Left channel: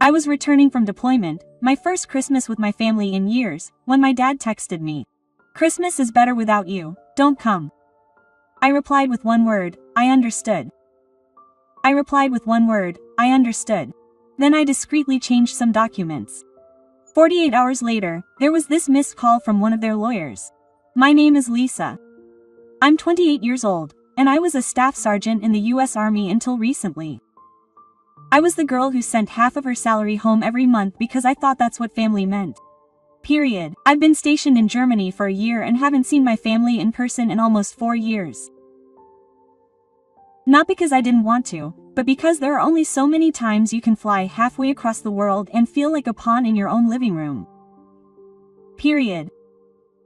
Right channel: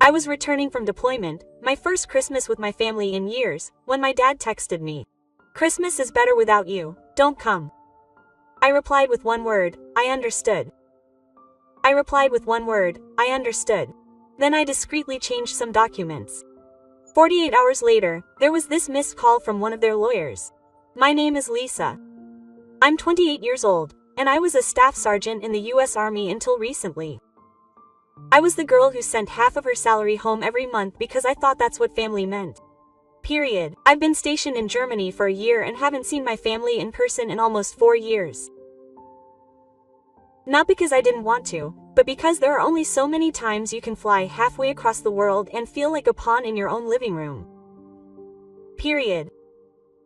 I was returning from deployment, my first Christmas with my family in years, when my dad texted me. "Christmas is better without you, don't come." I replied with one word, "I understood." I replied with one word, "I understood." Then I discreetly changed some documents. 48 hours later, there was this missed call from one of their lawyers. "My name is Lisa. I'm 28 years old, and I was a staff sergeant in the US Army until recently. I was the girl who sent half of her salary home every month because I thought that's what family meant. Period. I've been stationed in Germany for a year and haven't seen my family in person in almost 4 years. Not because I didn't want to, but because there are only so many times you can fly halfway across the world and feel like a pawn in your own living room. Period.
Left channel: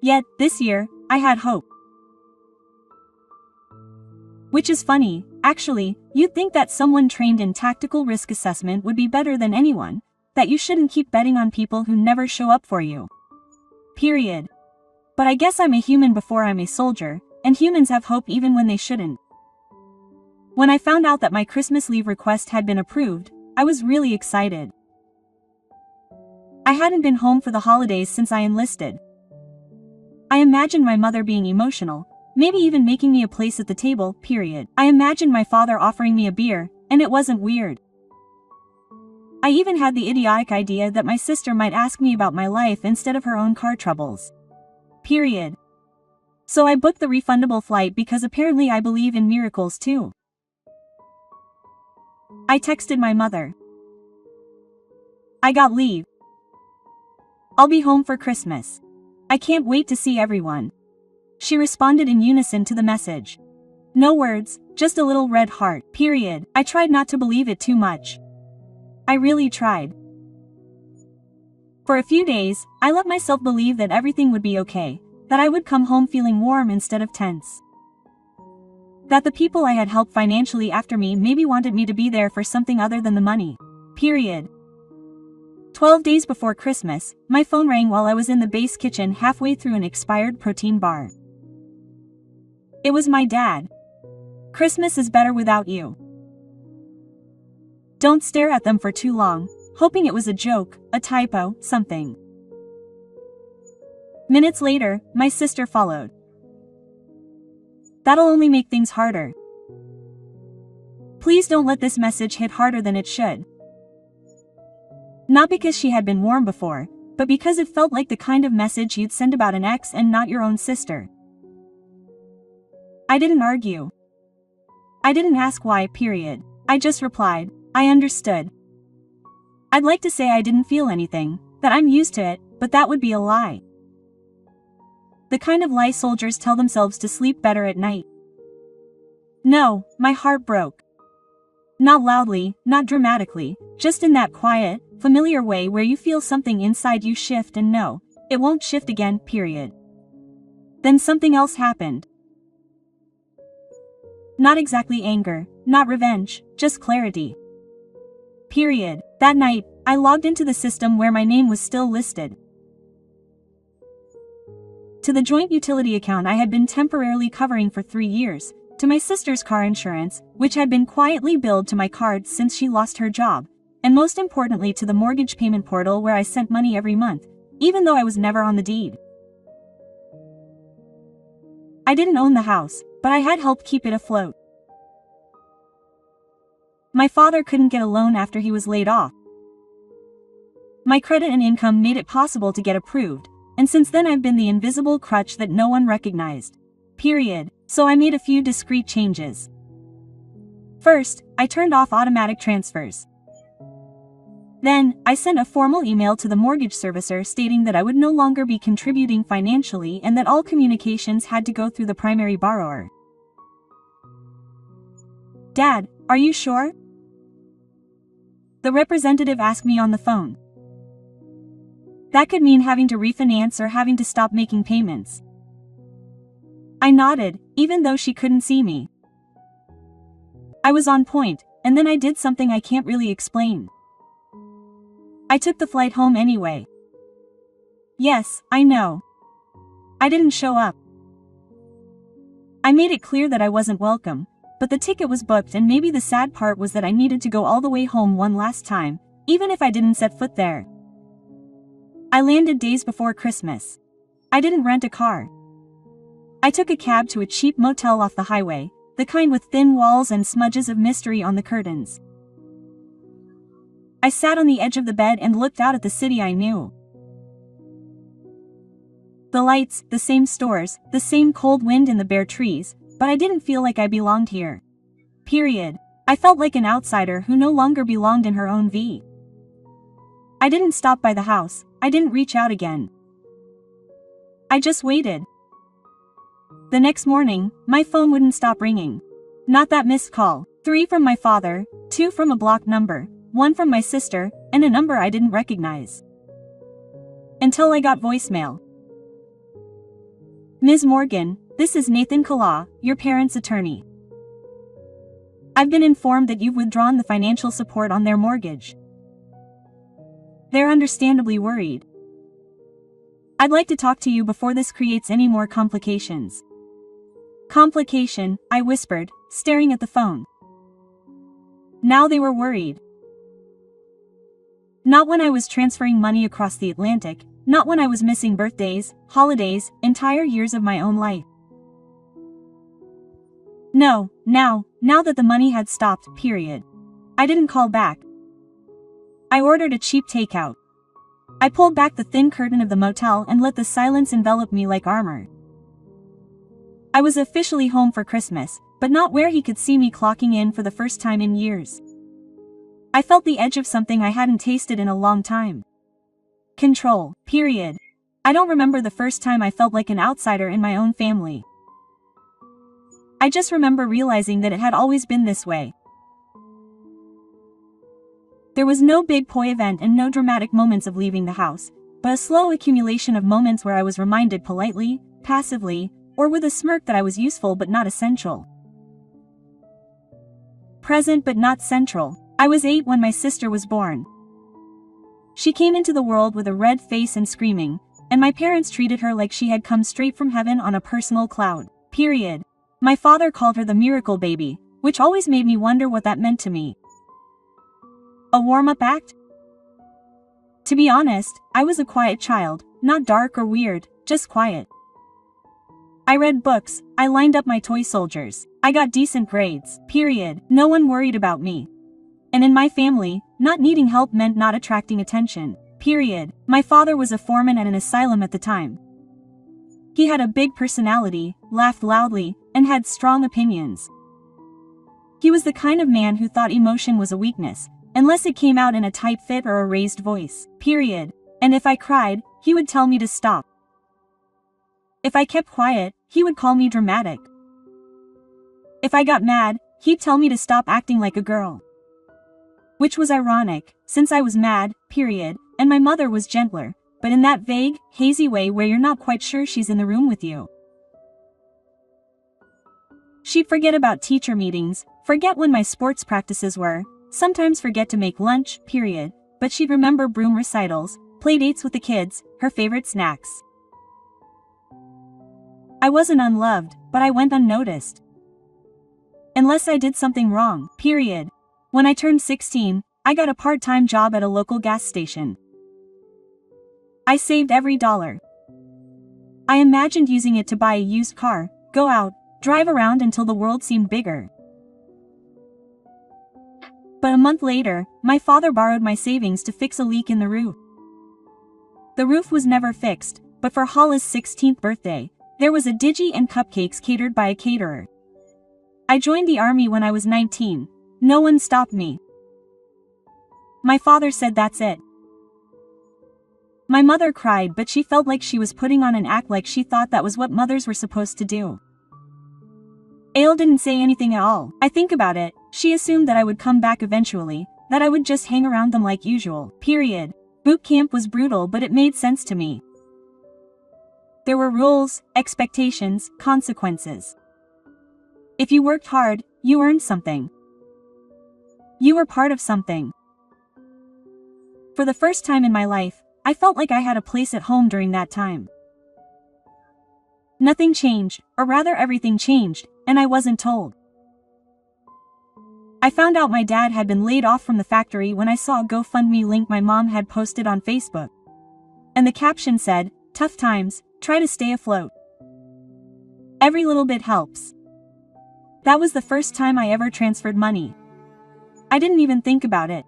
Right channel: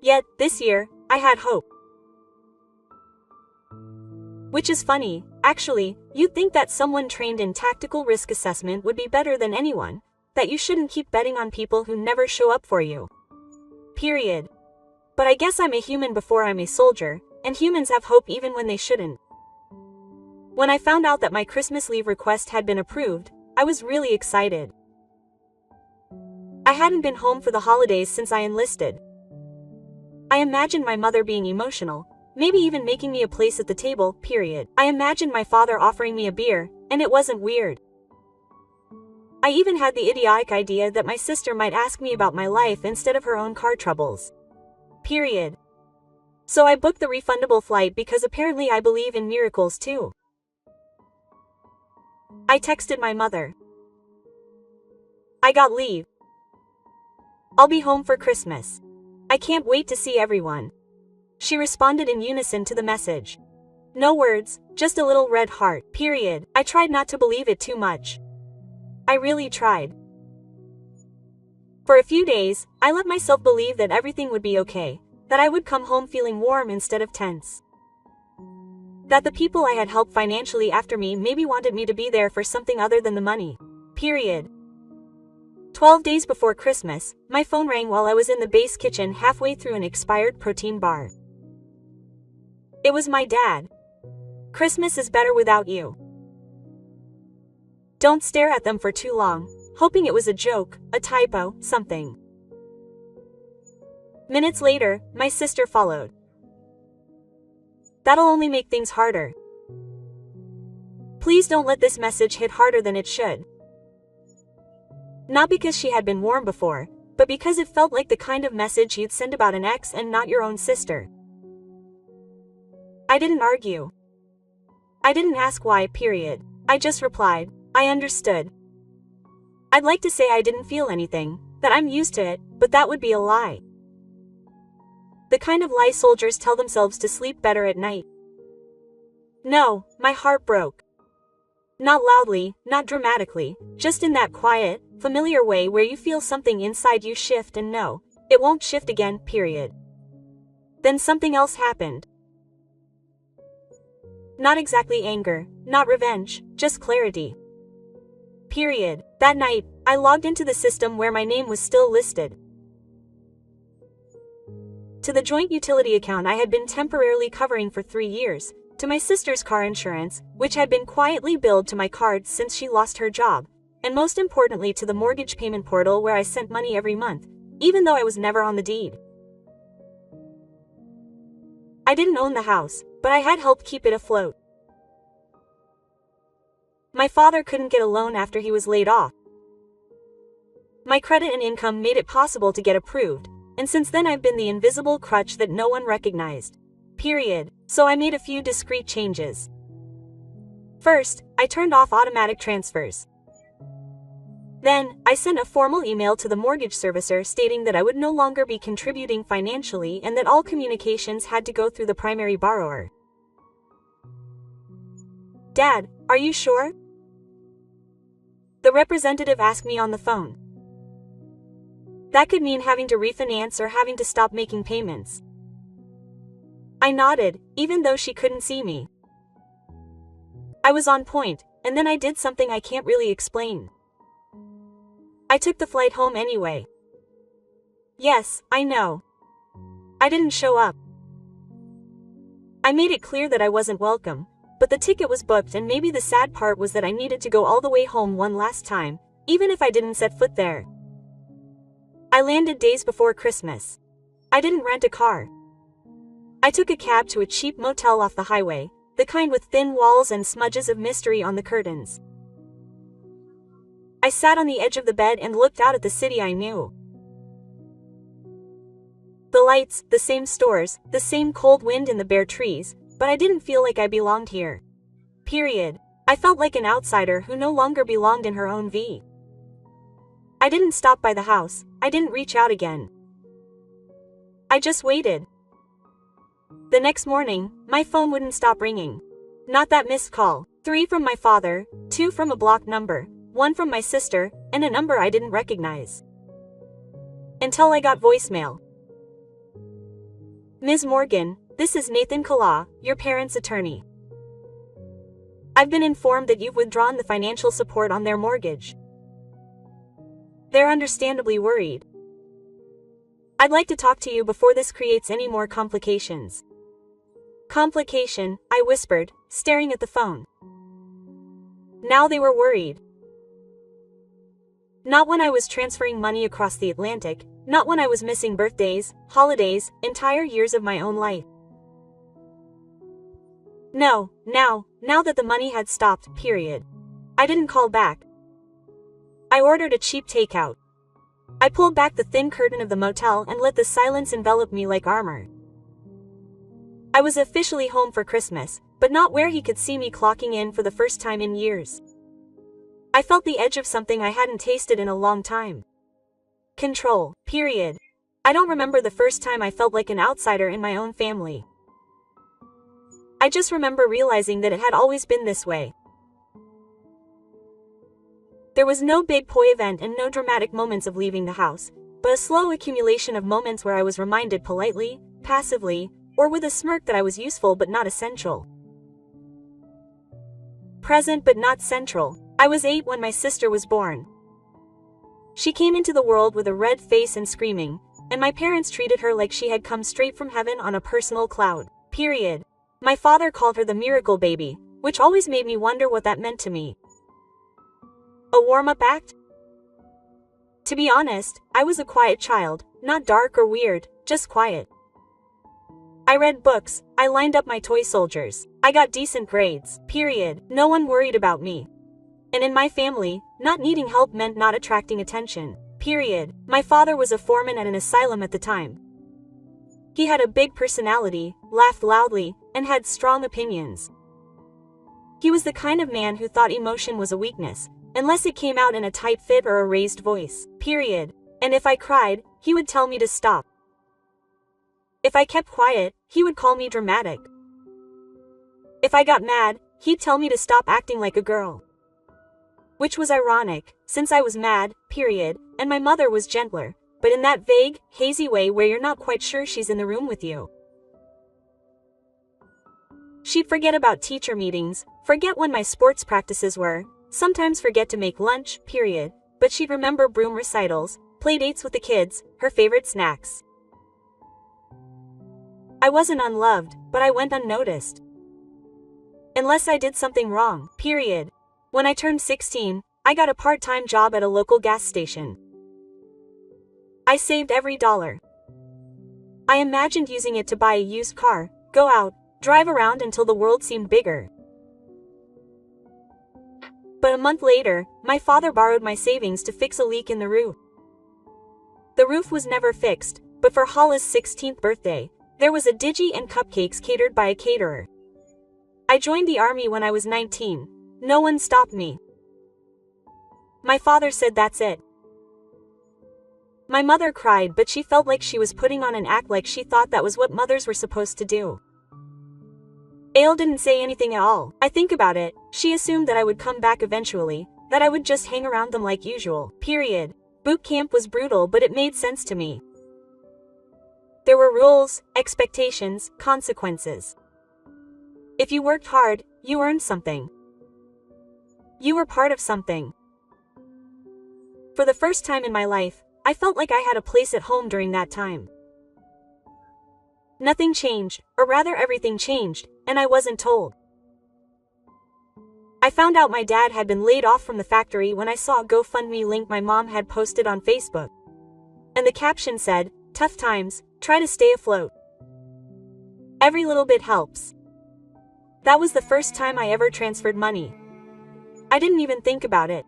Yet, this year, I had hope. Which is funny, actually, you'd think that someone trained in tactical risk assessment would be better than anyone, that you shouldn't keep betting on people who never show up for you. Period. But I guess I'm a human before I'm a soldier, and humans have hope even when they shouldn't. When I found out that my Christmas leave request had been approved, I was really excited. I hadn't been home for the holidays since I enlisted. I imagined my mother being emotional, maybe even making me a place at the table, period. I imagined my father offering me a beer, and it wasn't weird. I even had the idiotic idea that my sister might ask me about my life instead of her own car troubles. Period. So I booked the refundable flight because apparently I believe in miracles too. I texted my mother. "I got leave. I'll be home for Christmas. I can't wait to see everyone." She responded in unison to the message. No words, just a little red heart, period. I tried not to believe it too much. I really tried. For a few days, I let myself believe that everything would be okay, that I would come home feeling warm instead of tense. That the people I had helped financially after me maybe wanted me to be there for something other than the money. Period. 12 days before Christmas, my phone rang while I was in the base kitchen halfway through an expired protein bar. It was my dad. "Christmas is better without you. Don't stare at them for too long," hoping it was a joke, a typo, something. Minutes later, my sister followed. "That'll only make things harder. Please don't let this message hit harder than it should." Not because she had been warned before, but because it felt like the kind of message you'd send about an ex and not your own sister. I didn't argue. I didn't ask why, period. I just replied, "I understood." I'd like to say I didn't feel anything, that I'm used to it, but that would be a lie. The kind of lie soldiers tell themselves to sleep better at night. No, my heart broke. Not loudly, not dramatically, just in that quiet, familiar way where you feel something inside you shift and know, it won't shift again, period. Then something else happened. Not exactly anger, not revenge, just clarity. Period. That night, I logged into the system where my name was still listed. To the joint utility account I had been temporarily covering for 3 years, to my sister's car insurance, which had been quietly billed to my card since she lost her job, and most importantly to the mortgage payment portal where I sent money every month, even though I was never on the deed. I didn't own the house, but I had helped keep it afloat. My father couldn't get a loan after he was laid off. My credit and income made it possible to get approved, and since then I've been the invisible crutch that no one recognized. Period. So I made a few discreet changes. First, I turned off automatic transfers. Then, I sent a formal email to the mortgage servicer stating that I would no longer be contributing financially and that all communications had to go through the primary borrower. "Dad, are you sure?" the representative asked me on the phone. That could mean having to refinance or having to stop making payments. I nodded, even though she couldn't see me. I was on point, and then I did something I can't really explain. I took the flight home anyway. Yes, I know. I didn't show up. I made it clear that I wasn't welcome, but the ticket was booked and maybe the sad part was that I needed to go all the way home one last time, even if I didn't set foot there. I landed days before Christmas. I didn't rent a car. I took a cab to a cheap motel off the highway, the kind with thin walls and smudges of mystery on the curtains. I sat on the edge of the bed and looked out at the city I knew. The lights, the same stores, the same cold wind and the bare trees, but I didn't feel like I belonged here. Period. I felt like an outsider who no longer belonged in her own V. I didn't stop by the house, I didn't reach out again. I just waited. The next morning, my phone wouldn't stop ringing. Not that missed call. 3 from my father, 2 from a blocked number, 1 from my sister, and a number I didn't recognize. Until I got voicemail. Ms. Morgan, this is Nathan Kala, your parents' attorney. I've been informed that you've withdrawn the financial support on their mortgage. They're understandably worried. I'd like to talk to you before this creates any more complications. Complication, I whispered, staring at the phone. Now they were worried. Not when I was transferring money across the Atlantic, not when I was missing birthdays, holidays, entire years of my own life. No, now that the money had stopped, period. I didn't call back. I ordered a cheap takeout. I pulled back the thin curtain of the motel and let the silence envelop me like armor. I was officially home for Christmas, but not where he could see me clocking in for the first time in years. I felt the edge of something I hadn't tasted in a long time. Control, period. I don't remember the first time I felt like an outsider in my own family. I just remember realizing that it had always been this way. There was no big poi event and no dramatic moments of leaving the house, but a slow accumulation of moments where I was reminded politely, passively, or with a smirk that I was useful but not essential. Present but not central. I was 8 when my sister was born. She came into the world with a red face and screaming, and my parents treated her like she had come straight from heaven on a personal cloud. Period. My father called her the miracle baby, which always made me wonder what that meant to me. A warm-up act? To be honest, I was a quiet child, not dark or weird, just quiet. I read books, I lined up my toy soldiers, I got decent grades, period. No one worried about me. And in my family, not needing help meant not attracting attention, period. My father was a foreman at an asylum at the time. He had a big personality, laughed loudly, and had strong opinions. He was the kind of man who thought emotion was a weakness, unless it came out in a tight fit or a raised voice, period. And if I cried, he would tell me to stop. If I kept quiet, he would call me dramatic. If I got mad, he'd tell me to stop acting like a girl. Which was ironic, since I was mad, period, and my mother was gentler, but in that vague, hazy way where you're not quite sure she's in the room with you. She'd forget about teacher meetings, forget when my sports practices were, sometimes forget to make lunch, period, but she'd remember broom recitals, play dates with the kids, her favorite snacks. I wasn't unloved, but I went unnoticed. Unless I did something wrong, period. When I turned 16, I got a part-time job at a local gas station. I saved every dollar. I imagined using it to buy a used car, go out, drive around until the world seemed bigger. But a month later, my father borrowed my savings to fix a leak in the roof. The roof was never fixed, but for Hollis' 16th birthday, there was a digi and cupcakes catered by a caterer. I joined the army when I was 19. No one stopped me. My father said that's it. My mother cried, but she felt like she was putting on an act, like she thought that was what mothers were supposed to do. Ale didn't say anything at all. I think about it, she assumed that I would come back eventually, that I would just hang around them like usual, period. Boot camp was brutal, but it made sense to me. There were rules, expectations, consequences. If you worked hard, you earned something. You were part of something. For the first time in my life, I felt like I had a place at home during that time. Nothing changed, or rather everything changed, and I wasn't told. I found out my dad had been laid off from the factory when I saw a GoFundMe link my mom had posted on Facebook. And the caption said, "Tough times, try to stay afloat. Every little bit helps." That was the first time I ever transferred money. I didn't even think about it.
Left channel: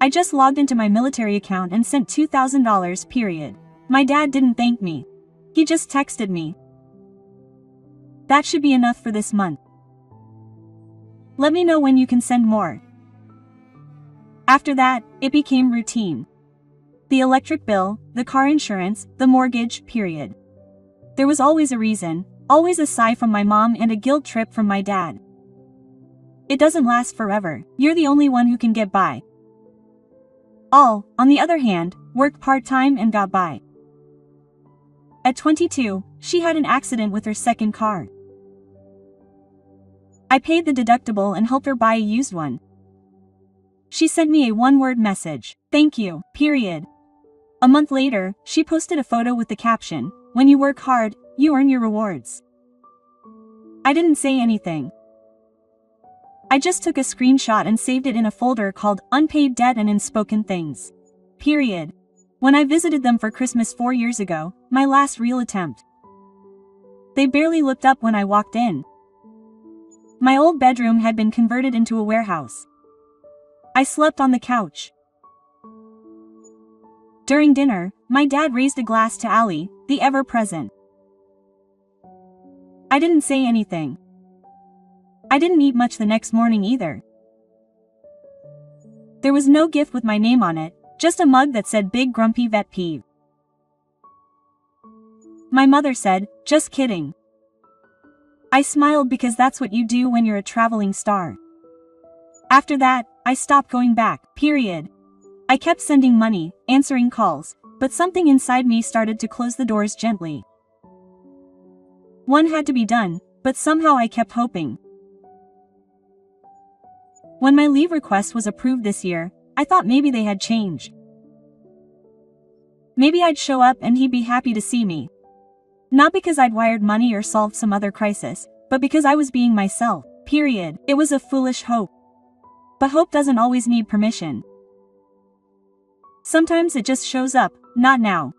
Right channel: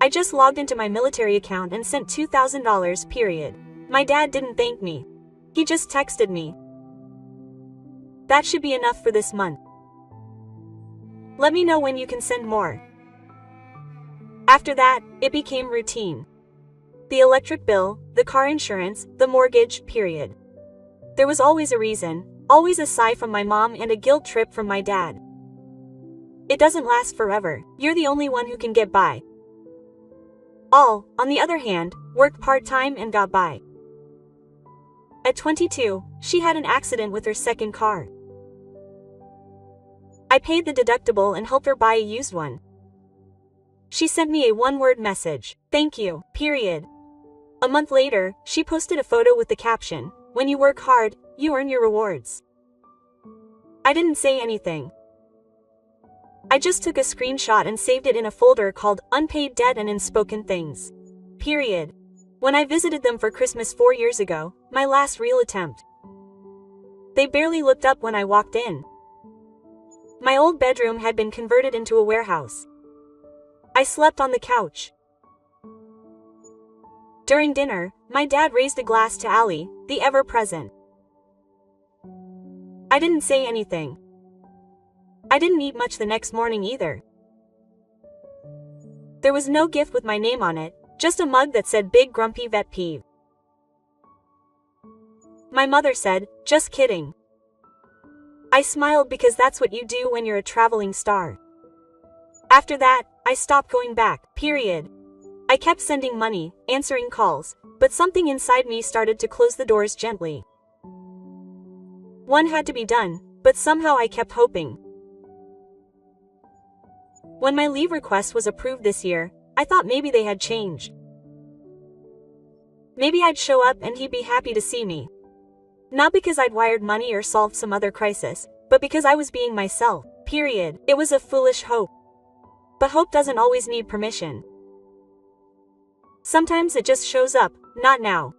I just logged into my military account and sent $2,000, period. My dad didn't thank me. He just texted me. "That should be enough for this month. Let me know when you can send more." After that, it became routine. The electric bill, the car insurance, the mortgage, period. There was always a reason, always a sigh from my mom and a guilt trip from my dad. It doesn't last forever, you're the only one who can get by. All, on the other hand, worked part-time and got by. At 22, she had an accident with her second car. I paid the deductible and helped her buy a used one. She sent me a one-word message, "Thank you, period." A month later, she posted a photo with the caption, "When you work hard, you earn your rewards." I didn't say anything. I just took a screenshot and saved it in a folder called Unpaid Debt and Unspoken Things. Period. When I visited them for Christmas 4 years ago, my last real attempt, they barely looked up when I walked in. My old bedroom had been converted into a warehouse. I slept on the couch. During dinner, my dad raised a glass to Allie, the ever-present. I didn't say anything. I didn't eat much the next morning either. There was no gift with my name on it, just a mug that said "Big Grumpy Vet Peeve." My mother said, "Just kidding." I smiled because that's what you do when you're a traveling star. After that, I stopped going back, period. I kept sending money, answering calls, but something inside me started to close the doors gently. One had to be done, but somehow I kept hoping. When my leave request was approved this year, I thought maybe they had changed. Maybe I'd show up and he'd be happy to see me. Not because I'd wired money or solved some other crisis, but because I was being myself, period. It was a foolish hope. But hope doesn't always need permission. Sometimes it just shows up, not now.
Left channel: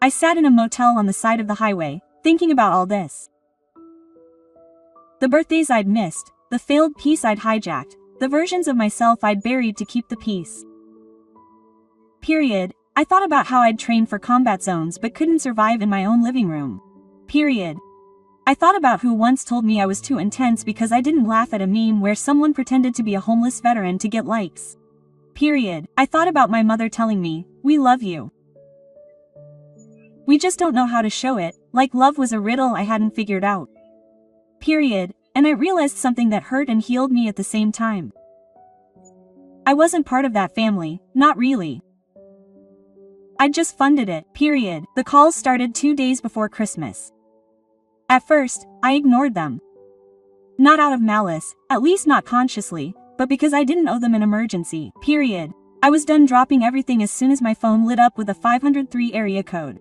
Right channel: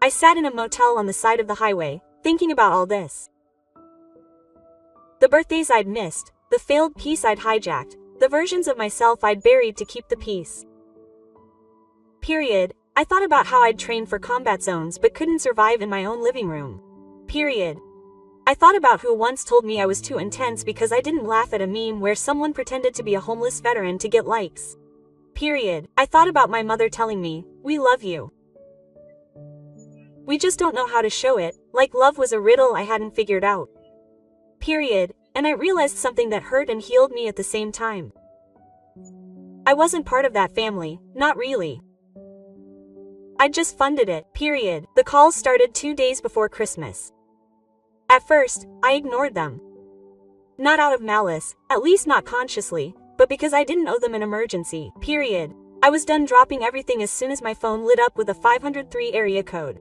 I sat in a motel on the side of the highway, thinking about all this. The birthdays I'd missed, the failed peace I'd hijacked, the versions of myself I'd buried to keep the peace. Period. I thought about how I'd trained for combat zones but couldn't survive in my own living room. Period. I thought about who once told me I was too intense because I didn't laugh at a meme where someone pretended to be a homeless veteran to get likes. Period. I thought about my mother telling me, "We love you. We just don't know how to show it," like love was a riddle I hadn't figured out. Period. And I realized something that hurt and healed me at the same time. I wasn't part of that family, not really. I just funded it, period. The calls started 2 days before Christmas. At first, I ignored them. Not out of malice, at least not consciously, but because I didn't owe them an emergency, period. I was done dropping everything as soon as my phone lit up with a 503 area code.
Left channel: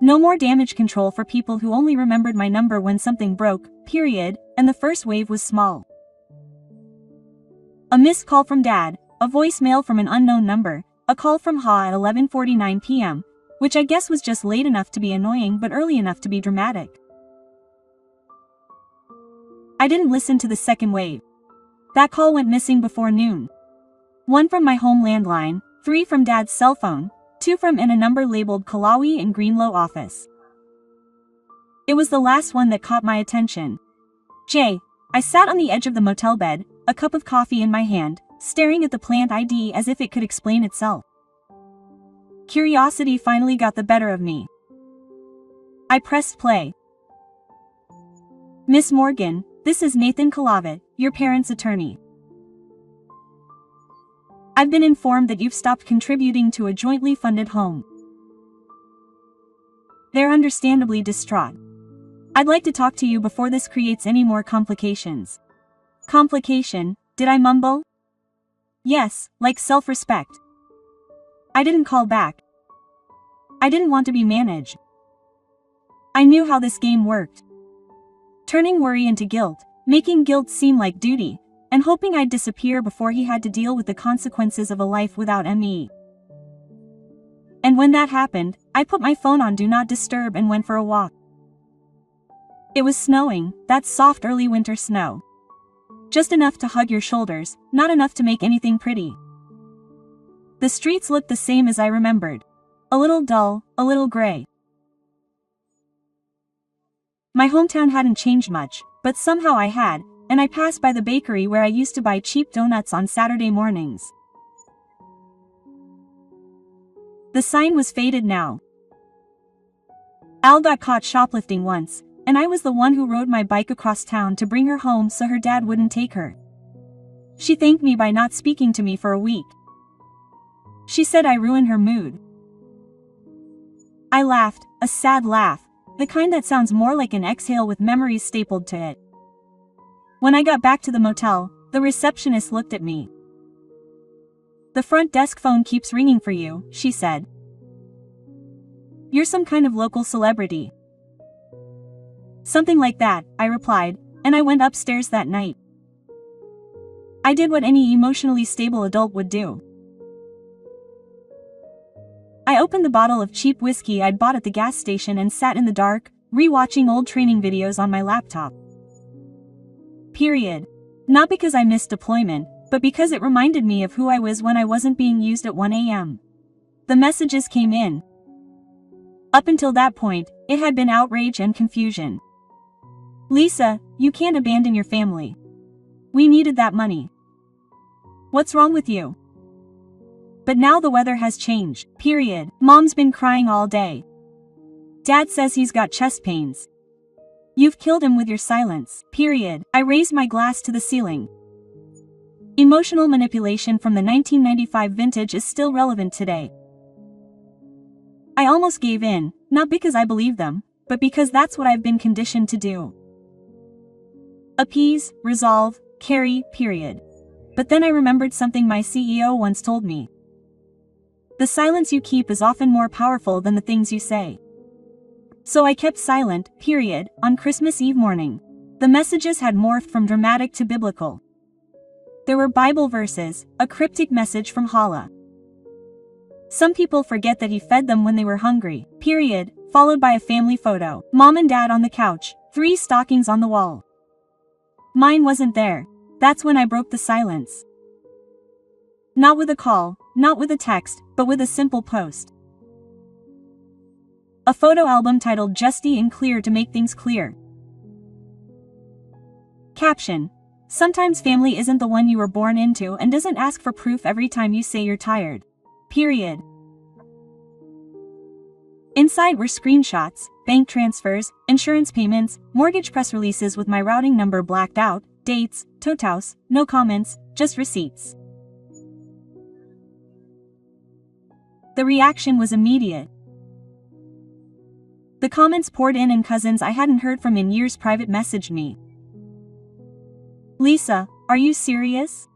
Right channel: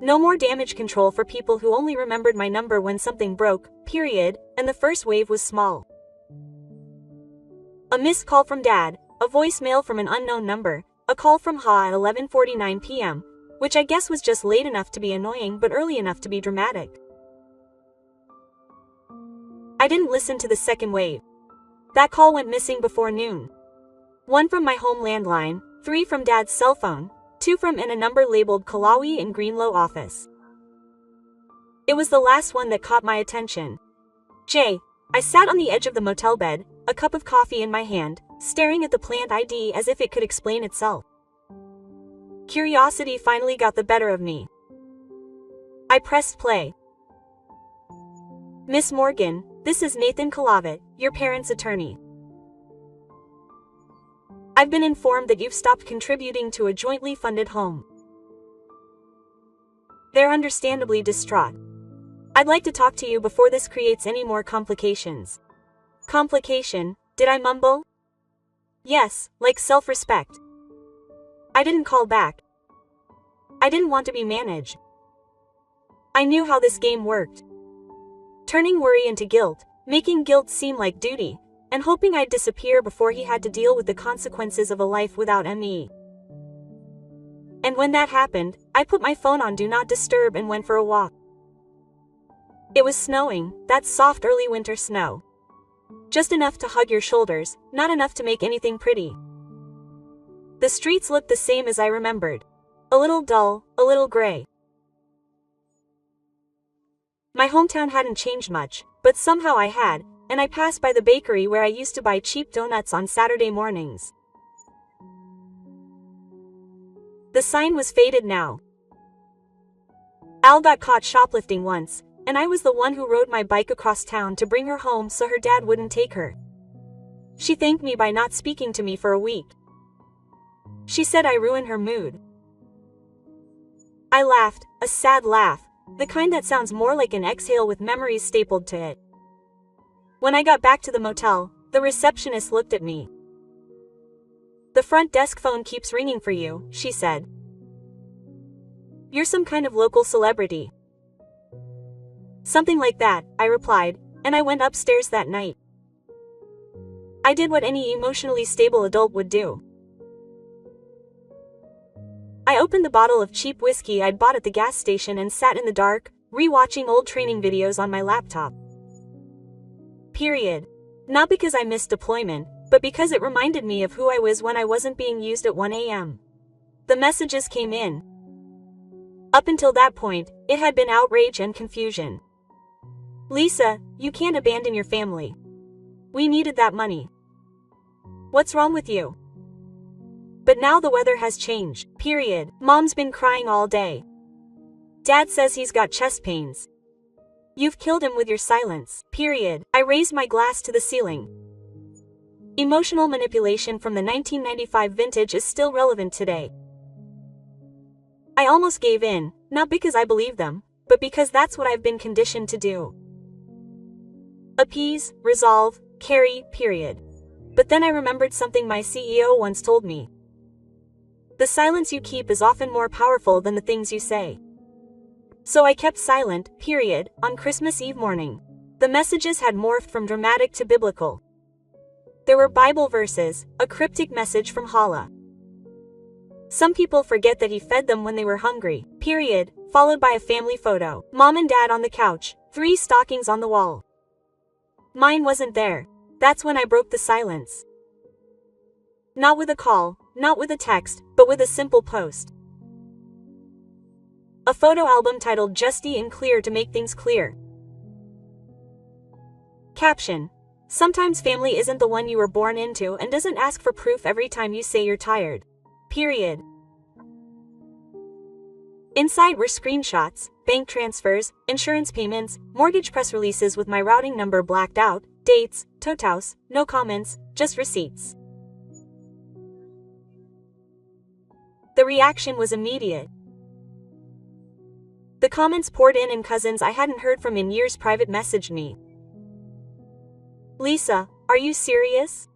No more damage control for people who only remembered my number when something broke, period, and the first wave was small. A missed call from Dad, a voicemail from an unknown number, a call from Ha at 11:49 p.m., which I guess was just late enough to be annoying but early enough to be dramatic. I didn't listen to the second wave. That call went missing before noon. 1 from my home landline, 3 from Dad's cell phone, 2 from and a number labeled Kalawi in Greenlow office. It was the last one that caught my attention. I sat on the edge of the motel bed, a cup of coffee in my hand, staring at the plant ID as if it could explain itself. Curiosity finally got the better of me. I pressed play. "Miss Morgan, this is Nathan Kalavat, your parents' attorney. I've been informed that you've stopped contributing to a jointly funded home." They're understandably distraught. "I'd like to talk to you before this creates any more complications." Complication, did I mumble? Yes, like self-respect. I didn't call back. I didn't want to be managed. I knew how this game worked. Turning worry into guilt, making guilt seem like duty, and hoping I'd disappear before he had to deal with the consequences of a life without me. And when that happened, I put my phone on Do Not Disturb and went for a walk. It was snowing, that soft early winter snow. Just enough to hug your shoulders, not enough to make anything pretty. The streets looked the same as I remembered. A little dull, a little gray. My hometown hadn't changed much, but somehow I had, and I passed by the bakery where I used to buy cheap donuts on Saturday mornings. The sign was faded now. Al got caught shoplifting once, and I was the one who rode my bike across town to bring her home so her dad wouldn't take her. She thanked me by not speaking to me for a week. She said I ruined her mood. I laughed, a sad laugh, the kind that sounds more like an exhale with memories stapled to it. When I got back to the motel, the receptionist looked at me. "The front desk phone keeps ringing for you," she said. "You're some kind of local celebrity." "Something like that," I replied, and I went upstairs that night. I did what any emotionally stable adult would do. I opened the bottle of cheap whiskey I'd bought at the gas station and sat in the dark, re-watching old training videos on my laptop. Period. Not because I missed deployment, but because it reminded me of who I was when I wasn't being used at 1 a.m. The messages came in. Up until that point, it had been outrage and confusion. "Lisa, you can't abandon your family. We needed that money. What's wrong with you?" But now the weather has changed, period. Mom's been crying all day. Dad says he's got chest pains. You've killed him with your silence, period. I raised my glass to the ceiling. Emotional manipulation from the 1995 vintage is still relevant today. I almost gave in, not because I believe them, but because that's what I've been conditioned to do. Appease, resolve, carry, period. But then I remembered something my CEO once told me. The silence you keep is often more powerful than the things you say. So I kept silent, period, on Christmas Eve morning. The messages had morphed from dramatic to biblical. There were Bible verses, a cryptic message from Hala. Some people forget that he fed them when they were hungry, period, followed by a family photo. Mom and dad on the couch, 3 stockings on the wall. Mine wasn't there. That's when I broke the silence. Not with a call, not with a text, but with a simple post. A photo album titled "Justy and Clear to Make Things Clear." Caption: Sometimes family isn't the one you were born into and doesn't ask for proof every time you say you're tired. Period. Inside were screenshots, bank transfers, insurance payments, mortgage press releases with my routing number blacked out, dates, totals, no comments, just receipts. The reaction was immediate. The comments poured in and cousins I hadn't heard from in years private messaged me. "Lisa, are you serious?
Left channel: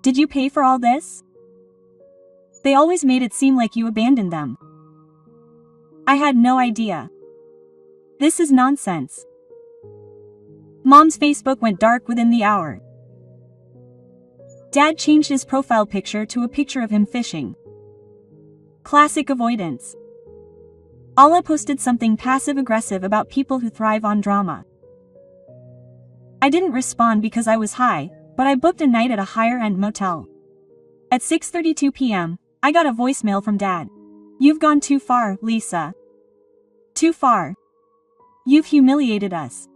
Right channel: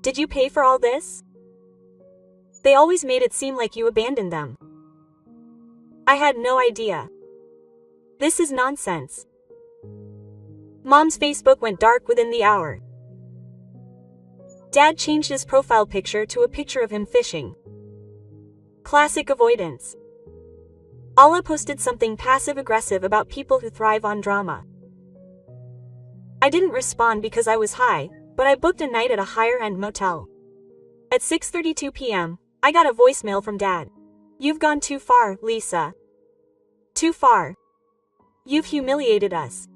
Did you pay for all this? They always made it seem like you abandoned them. I had no idea. This is nonsense." Mom's Facebook went dark within the hour. Dad changed his profile picture to a picture of him fishing. Classic avoidance. Alla posted something passive-aggressive about people who thrive on drama. I didn't respond because I was high, but I booked a night at a higher-end motel. At 6:32 p.m., I got a voicemail from Dad. "You've gone too far, Lisa. Too far. You've humiliated us.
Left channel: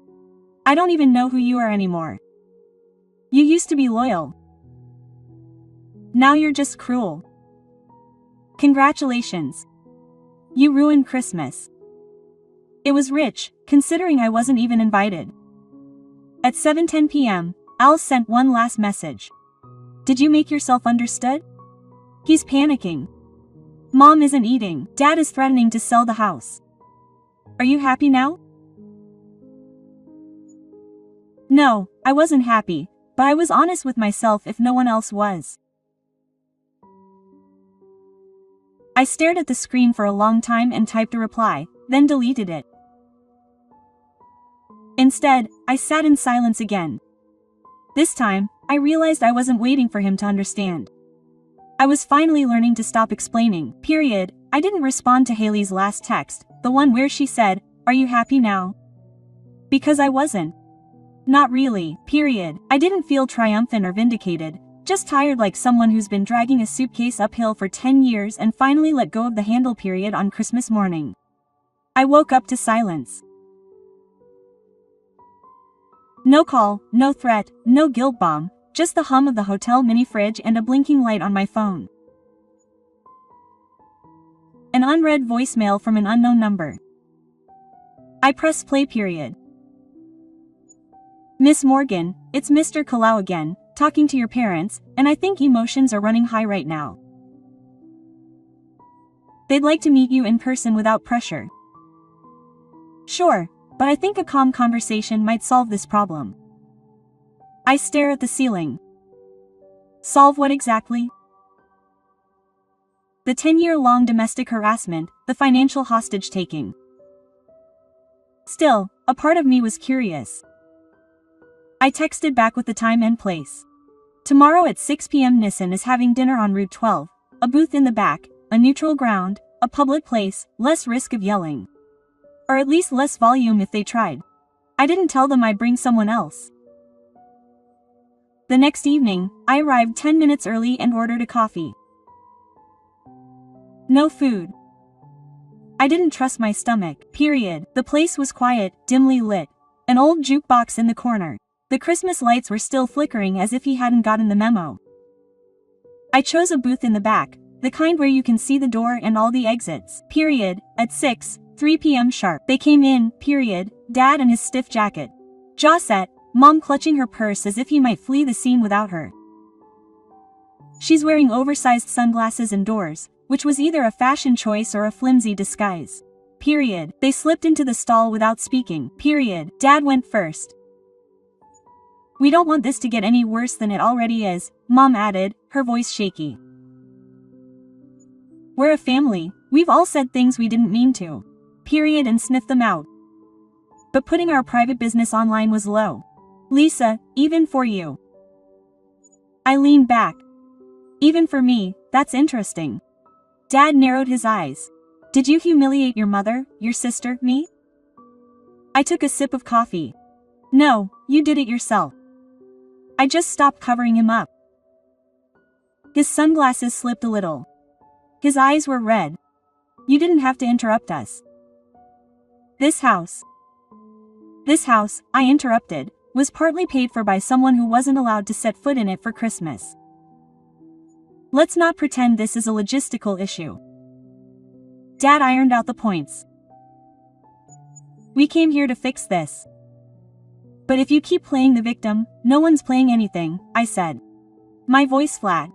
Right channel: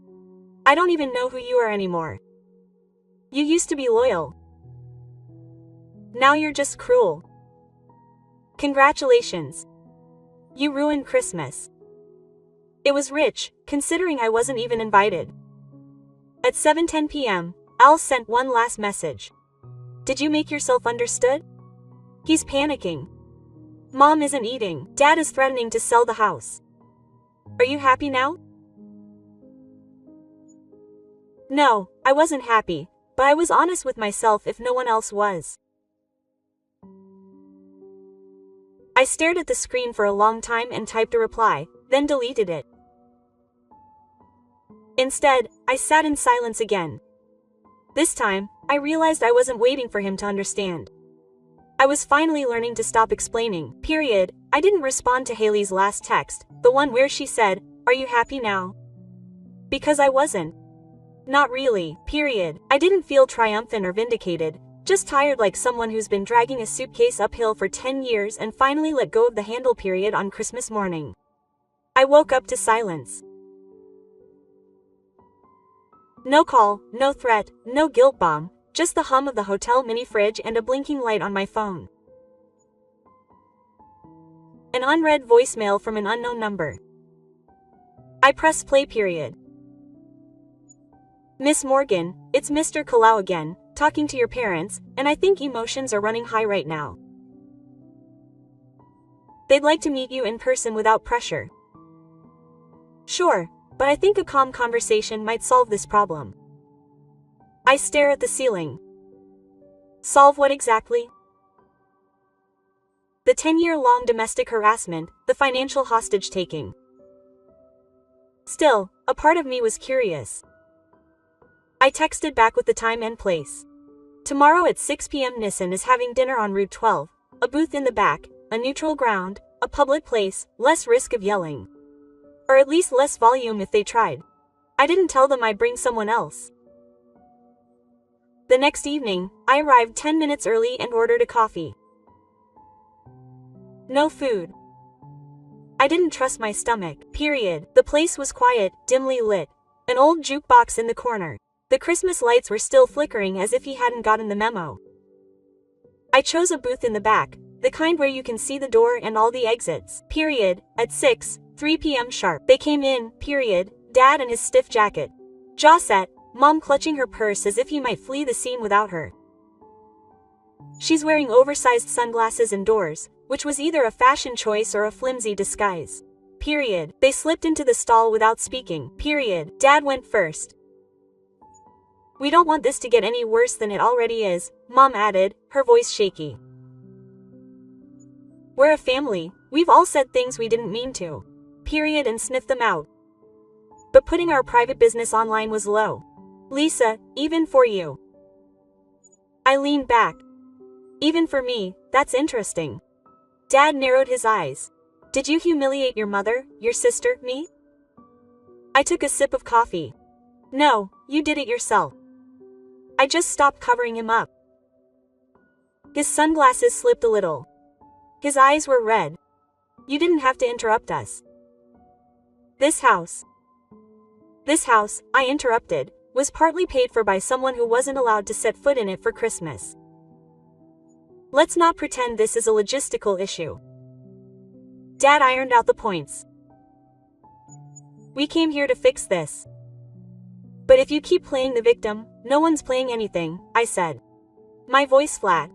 I don't even know who you are anymore. You used to be loyal. Now you're just cruel. Congratulations. You ruined Christmas." It was rich, considering I wasn't even invited. At 7:10 p.m., Al sent one last message. "Did you make yourself understood?" He's panicking. Mom isn't eating. Dad is threatening to sell the house. Are you happy now? No, I wasn't happy, but I was honest with myself if no one else was. I stared at the screen for a long time and typed a reply, then deleted it. Instead, I sat in silence again. This time, I realized I wasn't waiting for him to understand. I was finally learning to stop explaining. Period. I didn't respond to Haley's last text, the one where she said, "Are you happy now?" Because I wasn't. Not really. Period. I didn't feel triumphant or vindicated, just tired like someone who's been dragging a suitcase uphill for 10 years and finally let go of the handle. Period. On Christmas morning, I woke up to silence. No call, no threat, no guilt bomb, just the hum of the hotel mini fridge and a blinking light on my phone. An unread voicemail from an unknown number. I press play. Period. Miss Morgan, it's Mr. Kalau again, talking to your parents, and I think emotions are running high right now. They'd like to meet you in person without pressure. Sure, but I think a calm conversation might solve this problem. I stare at the ceiling. Solve what exactly? The 10-year-long domestic harassment, the financial hostage-taking. Still, a part of me was curious. I texted back with the time and place. Tomorrow at 6 p.m. Nissan is having dinner on Route 12, a booth in the back, a neutral ground, a public place, less risk of yelling. Or at least less volume if they tried. I didn't tell them I'd bring someone else. The next evening, I arrived 10 minutes early and ordered a coffee. No food. I didn't trust my stomach. Period. The place was quiet, dimly lit. An old jukebox in the corner. The Christmas lights were still flickering as if he hadn't gotten the memo. I chose a booth in the back, the kind where you can see the door and all the exits. Period. At 3 p.m. sharp. They came in. Period. Dad in his stiff jacket. Jaw set, Mom clutching her purse as if he might flee the scene without her. She's wearing oversized sunglasses indoors, which was either a fashion choice or a flimsy disguise. Period. They slipped into the stall without speaking. Period. Dad went first. We don't want this to get any worse than it already is, Mom added, her voice shaky. We're a family, we've all said things we didn't mean to. Period, and sniffed them out. But putting our private business online was low. Lisa, even for you. I leaned back. Even for me, that's interesting. Dad narrowed his eyes. Did you humiliate your mother, your sister, me? I took a sip of coffee. No, you did it yourself. I just stopped covering him up. His sunglasses slipped a little. His eyes were red. You didn't have to interrupt us. This house, I interrupted, was partly paid for by someone who wasn't allowed to set foot in it for Christmas. Let's not pretend this is a logistical issue. Dad ironed out the points. We came here to fix this. But if you keep playing the victim, no one's playing anything, I said. My voice flat.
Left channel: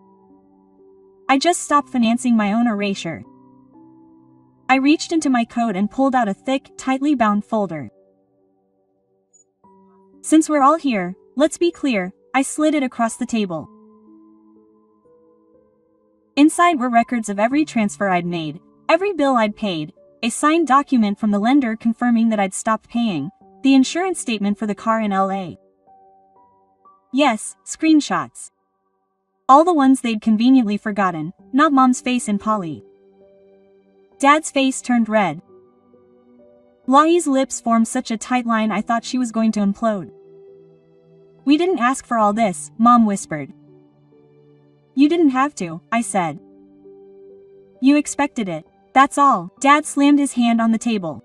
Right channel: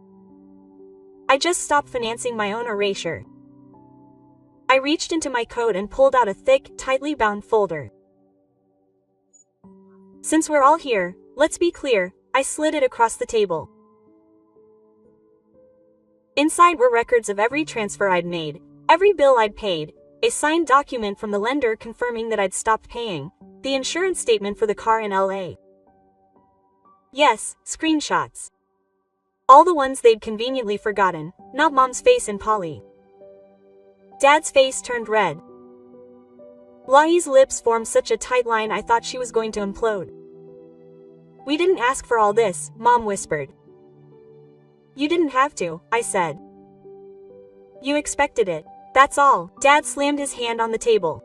I just stopped financing my own erasure. I reached into my coat and pulled out a thick, tightly bound folder. Since we're all here, let's be clear, I slid it across the table. Inside were records of every transfer I'd made, every bill I'd paid, a signed document from the lender confirming that I'd stopped paying, the insurance statement for the car in LA. Yes, screenshots. All the ones they'd conveniently forgotten, not Mom's face in Polly. Dad's face turned red. Lahi's lips formed such a tight line I thought she was going to implode. We didn't ask for all this, Mom whispered. You didn't have to, I said. You expected it. That's all. Dad slammed his hand on the table.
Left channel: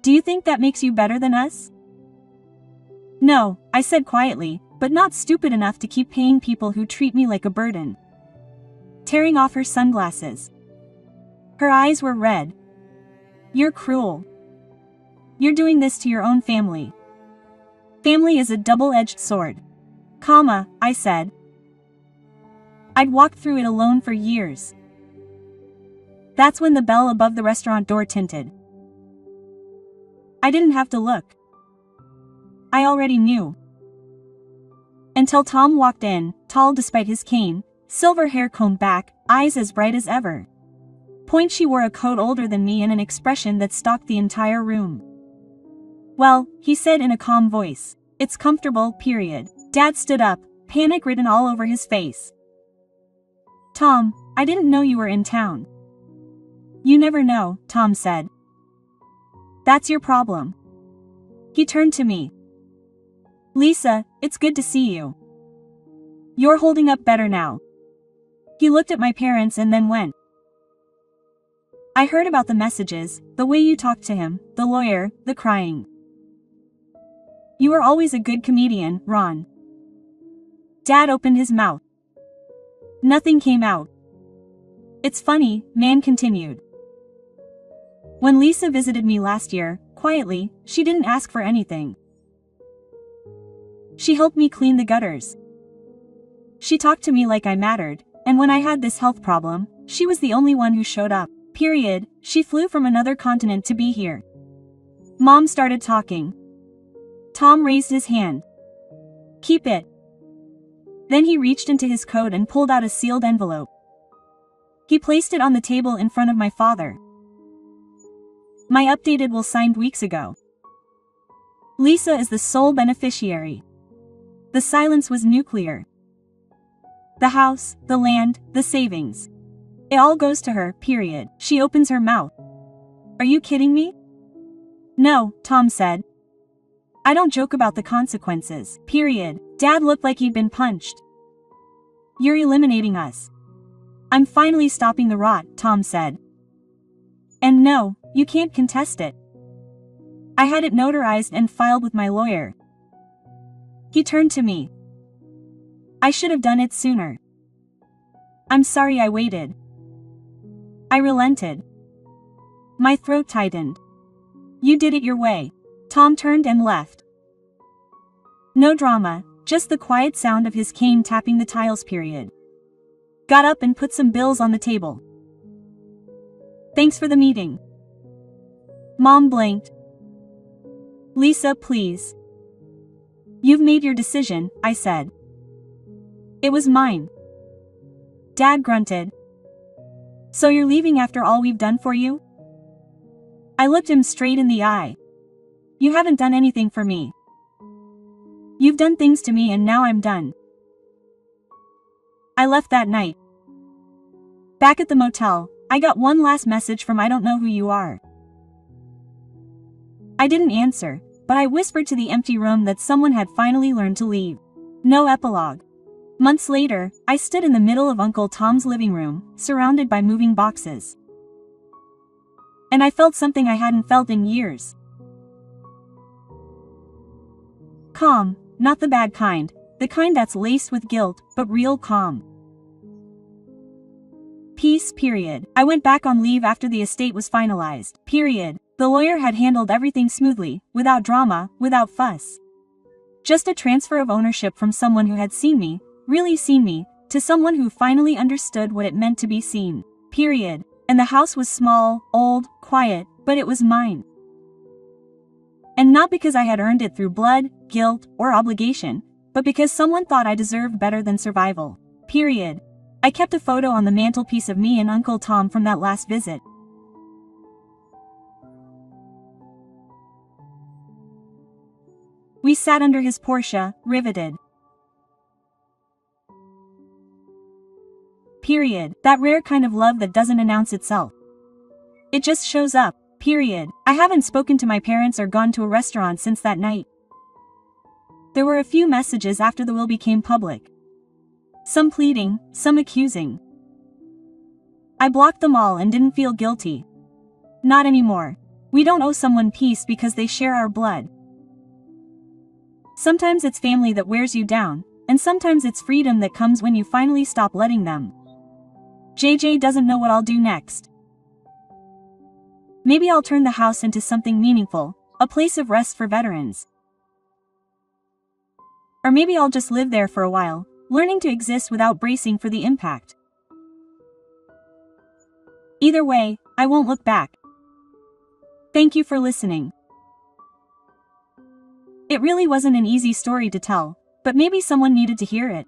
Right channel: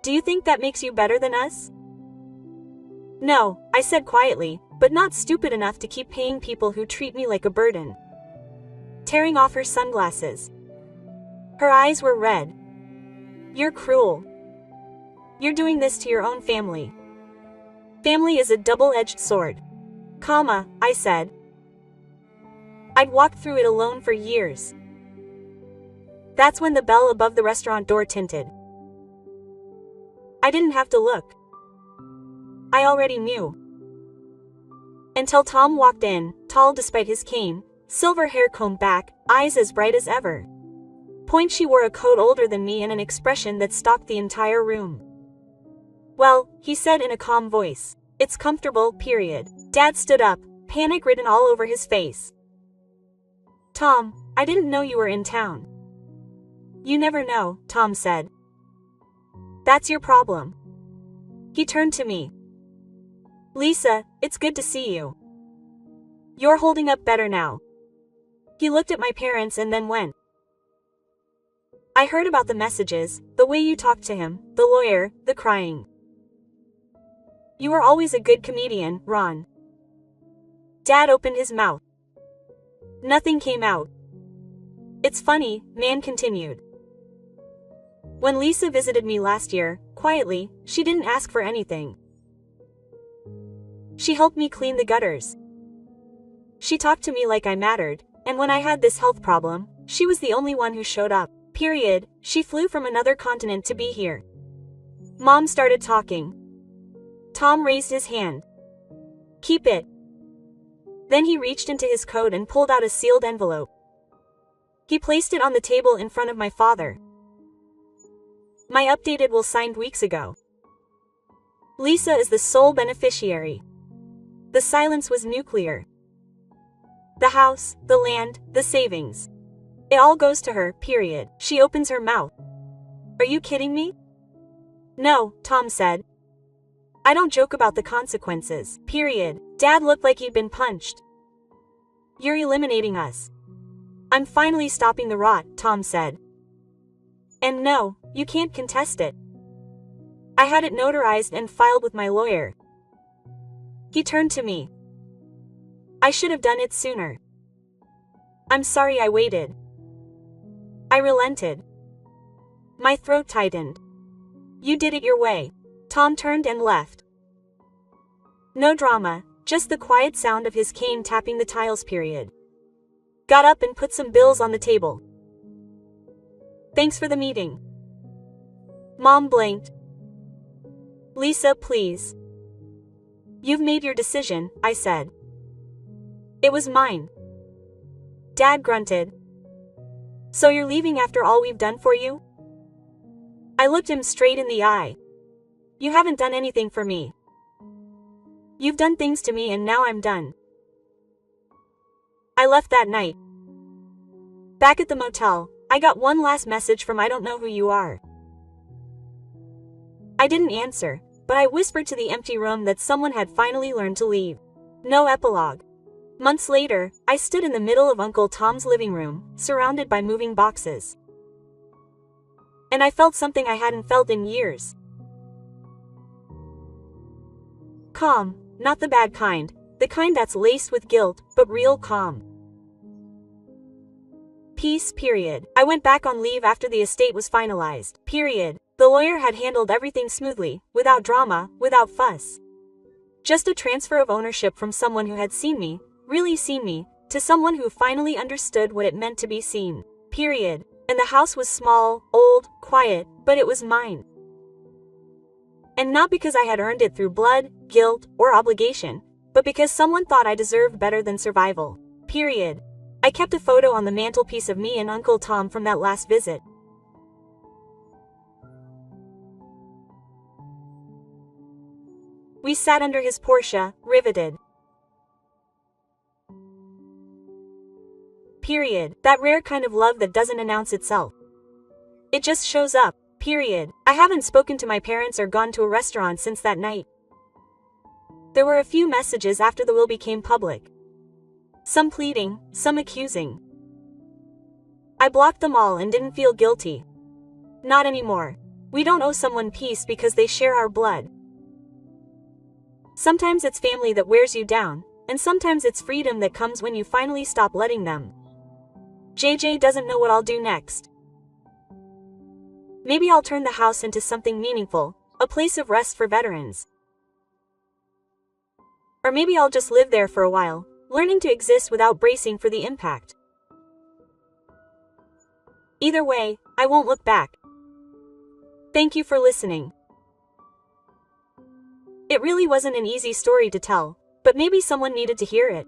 Do you think that makes you better than us? No, I said quietly, but not stupid enough to keep paying people who treat me like a burden. Tearing off her sunglasses. Her eyes were red. You're cruel. You're doing this to your own family. Family is a double-edged sword. Comma, I said. I'd walked through it alone for years. That's when the bell above the restaurant door tinted. I didn't have to look. I already knew. Until Tom walked in, tall despite his cane, silver hair combed back, eyes as bright as ever. Point she wore a coat older than me and an expression that stalked the entire room. Well, he said in a calm voice, it's comfortable, period. Dad stood up, panic written all over his face. Tom, I didn't know you were in town. You never know, Tom said. That's your problem. He turned to me. Lisa, it's good to see you. You're holding up better now. He looked at my parents and then went. I heard about the messages, the way you talked to him, the lawyer, the crying. You were always a good comedian, Ron. Dad opened his mouth. Nothing came out. It's funny, Man continued. When Lisa visited me last year, quietly, she didn't ask for anything. She helped me clean the gutters. She talked to me like I mattered, and when I had this health problem, she was the only one who showed up. Period. She flew from another continent to be here. Mom started talking. Tom raised his hand. Keep it. Then he reached into his coat and pulled out a sealed envelope. He placed it on the table in front of my father. My updated will signed weeks ago. Lisa is the sole beneficiary. The silence was nuclear. The house, the land, the savings. It all goes to her, period. She opens her mouth. Are you kidding me? No, Tom said. I don't joke about the consequences, period. Dad looked like he'd been punched. You're eliminating us. I'm finally stopping the rot, Tom said. And no, you can't contest it. I had it notarized and filed with my lawyer. He turned to me. I should have done it sooner. I'm sorry I waited. I relented. My throat tightened. You did it your way. Tom turned and left. No drama, just the quiet sound of his cane tapping the tiles, period. Got up and put some bills on the table. Thanks for the meeting. Mom blinked. Lisa, please. You've made your decision, I said. It was mine. Dad grunted. So you're leaving after all we've done for you? I looked him straight in the eye. You haven't done anything for me. You've done things to me and now I'm done. I left that night. Back at the motel, I got one last message from I don't know who you are. I didn't answer, but I whispered to the empty room that someone had finally learned to leave. No epilogue. Months later, I stood in the middle of Uncle Tom's living room, surrounded by moving boxes. And I felt something I hadn't felt in years. Calm, not the bad kind, the kind that's laced with guilt, but real calm. Peace, period. I went back on leave after the estate was finalized, period. The lawyer had handled everything smoothly, without drama, without fuss. Just a transfer of ownership from someone who had seen me, really seen me, to someone who finally understood what it meant to be seen, period. And the house was small, old, quiet, but it was mine. And not because I had earned it through blood, guilt, or obligation, but because someone thought I deserved better than survival, period. I kept a photo on the mantelpiece of me and Uncle Tom from that last visit. We sat under his Porsche, riveted. Period. That rare kind of love that doesn't announce itself. It just shows up. Period. I haven't spoken to my parents or gone to a restaurant since that night. There were a few messages after the will became public. Some pleading, some accusing. I blocked them all and didn't feel guilty. Not anymore. We don't owe someone peace because they share our blood. Sometimes it's family that wears you down, and sometimes it's freedom that comes when you finally stop letting them. JJ doesn't know what I'll do next. Maybe I'll turn the house into something meaningful, a place of rest for veterans. Or maybe I'll just live there for a while, learning to exist without bracing for the impact. Either way, I won't look back. Thank you for listening. It really wasn't an easy story to tell, but maybe someone needed to hear it.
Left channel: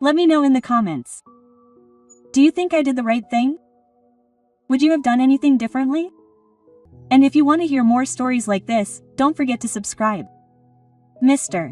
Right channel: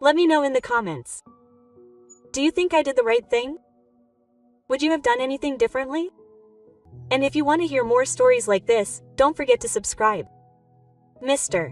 Let me know in the comments. Do you think I did the right thing? Would you have done anything differently? And if you want to hear more stories like this, don't forget to subscribe. Mr.